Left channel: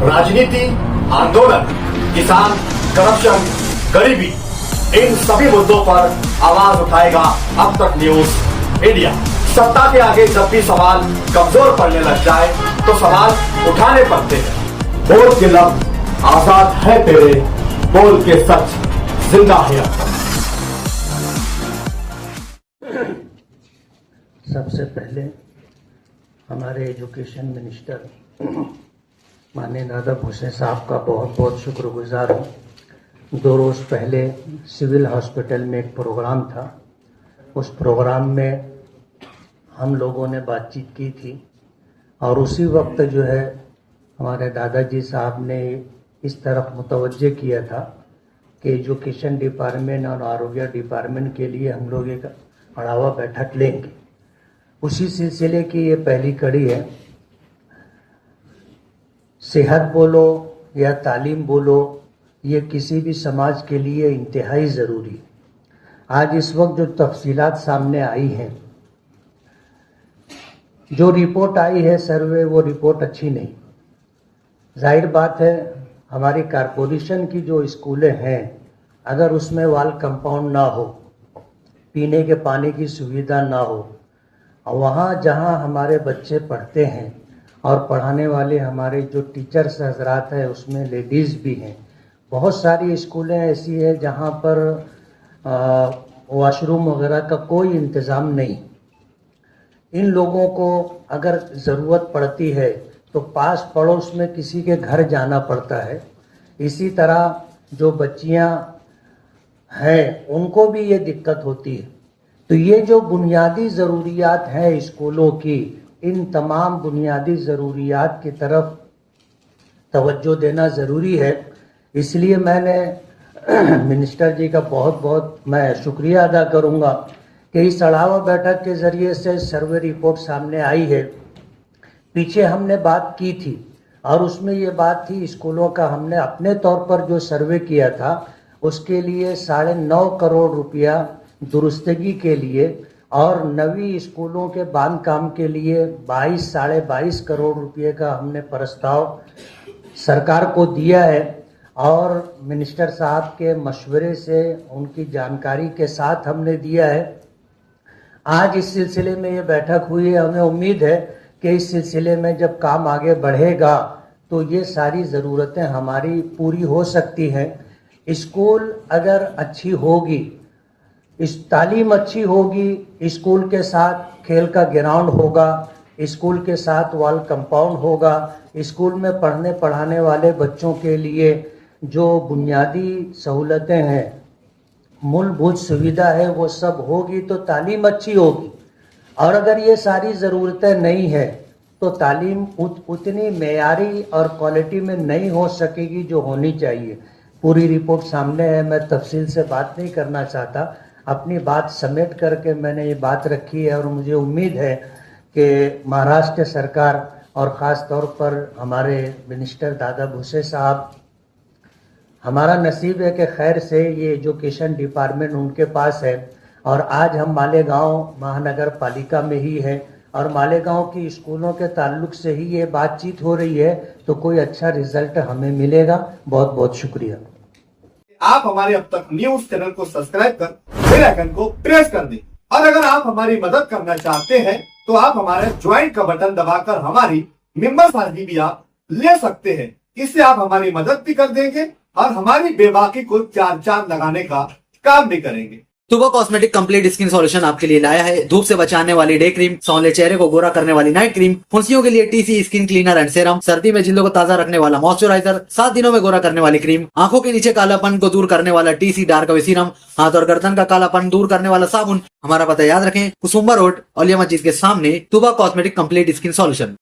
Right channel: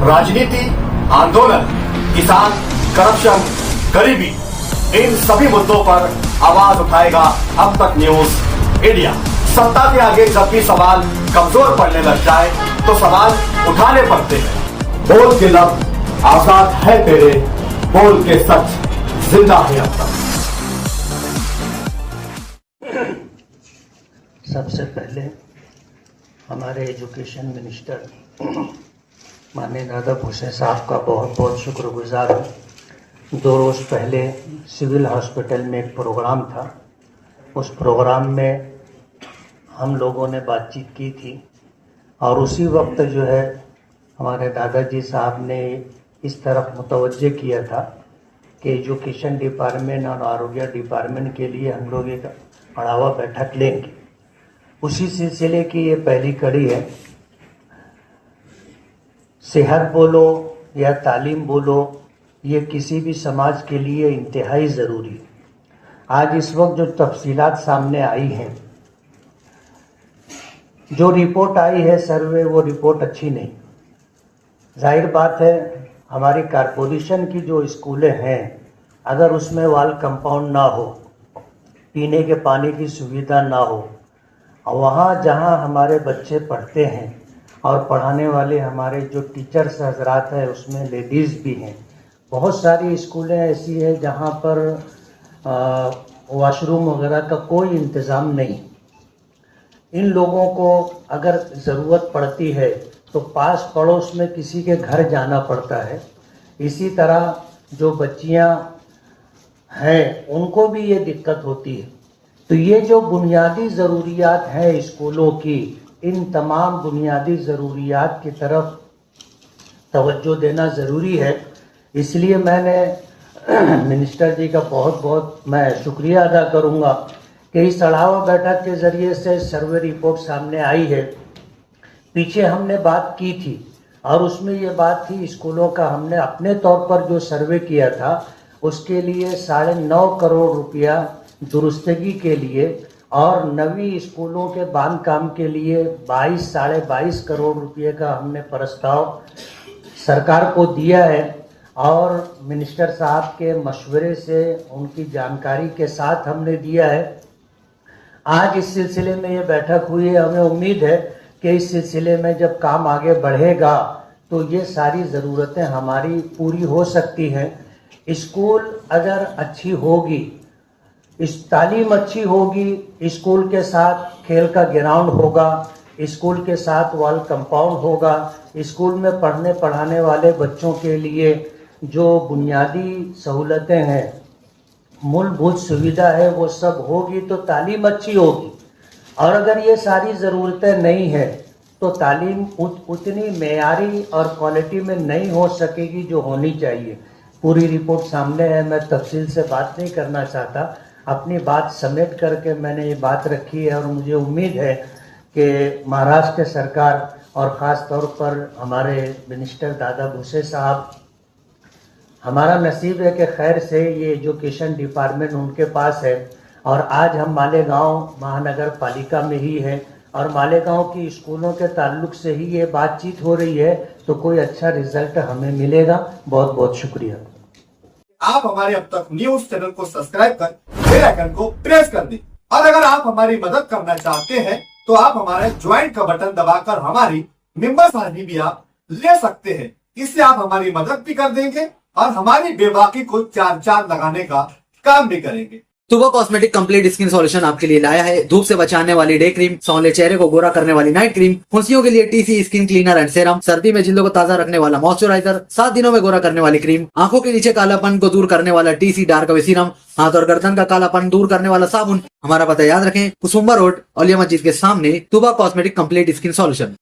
राजनीति, आंदोलन, किसान, करप्शन, गरीबी, इन सभी मुद्दों पर आवाज उठाएगा अब तक न्यूज इंडिया। सत्ता के आगे जब भी सवाल कमजोर पड़ने लग जाए तो सवाल उठाने पड़ते हैं। बोल के लफ्ज आजाद है तेरे, बोल के सच जिंदा है अब तक। सबसे पहले हमारे एजुकेशन मिनिस्टर माननीय दादा भूसे साहब का बहुत बहुत शुक्रगुजार हूँ। 2 रोज़ पहले सिविल हॉस्पिटल में एक प्रोग्राम था। उस प्रोग्राम में हम लोगों ने बातचीत की थी और उसी वक्त जो है हमारे दादाजी साहब ने इस तरफ मुतवज्जे किया था कि एजुकेशन डिपार्टमेंट और आरोग्य डिपार्टमेंट के लिए हम लोग एक बढ़ावा बैठक लेंगे। उसी सिलसिले की ये पहली कड़ी है। सेहत बोलो या तालीम बोलो, ये किसी भी समाज के लिए इंतहाई ज़रूरी है। आज इस वक्त जो तफसीलात सामने आई हैं, जो रिपोर्ट आई है सर्वे, वो रिपोर्ट अच्छी नहीं। जाहिर बात है, हमारी कारपोरेशन की जो स्कूलें हैं, अगर उसमें वाल कंपाउंड ना हो, पीने के पानी की सुविधा ना हो, और वहाँ जहाँ हमारे बच्चे पढ़ते हैं और पढ़ाने वाले हमारे जो टीचर्स हजरात हैं उसमें लेडीज़ भी हैं। बहुत सारी स्कूलें ऐसी हैं जहाँ पर वॉशरूम वगैरह का कोई इंतज़ाम नहीं। इन लोगों को अगर ज़रूरत पड़ती है तो पास पड़ोस में किसी के घर जाना पड़ता है। इसी तरह जो बच्चियाँ हैं उनको भी ये दिक्कत होती है। तो ये जो बुनियादी ज़रूरियात हैं स्कूलों की, इन तमाम बुनियादी ज़रूरियात की तरफ तवज्जो देना ज़रूरी है। इसलिए मैंने मिनिस्टर जी का बहुत बहुत मैं शुक्रिया अदा करूँगा कि इस बढ़ावा बैठक के ज़रिए से सर्वे रिपोर्ट सामने आई है। पीछे हमने बात की थी और उसमें ये बात थी, स्कूलों का हमने अपने तौर पर जो सर्वे किया था उसके लिए 9.5 करोड़ रुपया दुरुस्तगी के लिए और नवी स्कूलों के बांधकाम के लिए 22-22.5 करोड़ रुपये का हमने प्रस्ताव सरकार को दिया है। और मिनिस्टर साहब के मशवरे से, उनकी जानकारी के साथ हमने दिया है। आज इस सिलसिले में ये बैठक हुई है। हमें उम्मीद है कि इस सिलसिले में जब काम आगे बढ़ेगा तो ये सारी ज़रूरतें हमारी पूरी हो सकती हैं। स्कूल अगर अच्छी होगी, इस तालीम अच्छी होगी, स्कूल के साथ खेल का ग्राउंड होगा, स्कूल के साथ वॉल कंपाउंड होगा, स्कूल में पढ़ने पढ़ाने वाले बच्चों के लिए जो बुनियादी सहूलतें हैं, मूलभूत सुविधा है, वो सब होगी तो तालीम अच्छी होगी। और अगर ये सारी ज़रूरतें नहीं है तो तालीम उतनी मेयारी और क्वालिटी में नहीं हो सकेगी जो होनी चाहिए। पूरी रिपोर्ट सामने है, मैं तफसील से बात नहीं करना चाहता। अपनी बात समेट करके मैंने ये बात रखी है और मुझे उम्मीद है कि महाराष्ट्र सरकार और ख़ास तौर पर हमारे मिनिस्टर दादा भूसे साहब, हमारा नसीब है कि खैर से ये एजुकेशन डिपार्टमेंट उनके पास है और आज हम मालेगांव महानगर पालिका में ही है और मालेगांव की स्कूलों के ताल्लुक से ही ये बातचीत हो रही है, तो कोई अच्छा रिजल्ट हमें मिलेगा। बहुत बहुत शुक्रिया। आप हमारे अब तक न्यूज चैनल को सब्सक्राइब कर बेल आइकन को प्रेस कर दें और अगर आप हमारी मदद करना चाहते हैं तो आप हमारे ज्वाइन का बटन दबाकर हमारी मेंबर साझी भी आप ले सकते हैं। इससे आप हमारी मदद भी कर देंगे और हमारी बेबाकी को 4 लगाने का काम भी करेंगे। तुबा कॉस्मेटिक कंप्लीट स्किन सॉल्यूशन आपके लिए लाया है। धूप से बचाने वाली डे क्रीम, सौंले चेहरे को गोरा करने वाली नाइट क्रीम, फुंसियों के लिए TC skin cleaner and serum, सर्दी में जिल्दों को ताजा रखने वाला मॉइस्चराइजर, 7 दिनों में गोरा करने वाली क्रीम, आंखों के नीचे कालापन को दूर करने वाला टीसी डार्क वे सीरम, हाथ और गर्दन का कालापन दूर करने वाला साबुन। हमारा पता याद रखें, कुसुम्बा रोड, औलिया मस्जिद के सामने, तुबा कॉस्मेटिक कंप्लीट स्किन सॉल्यूशन।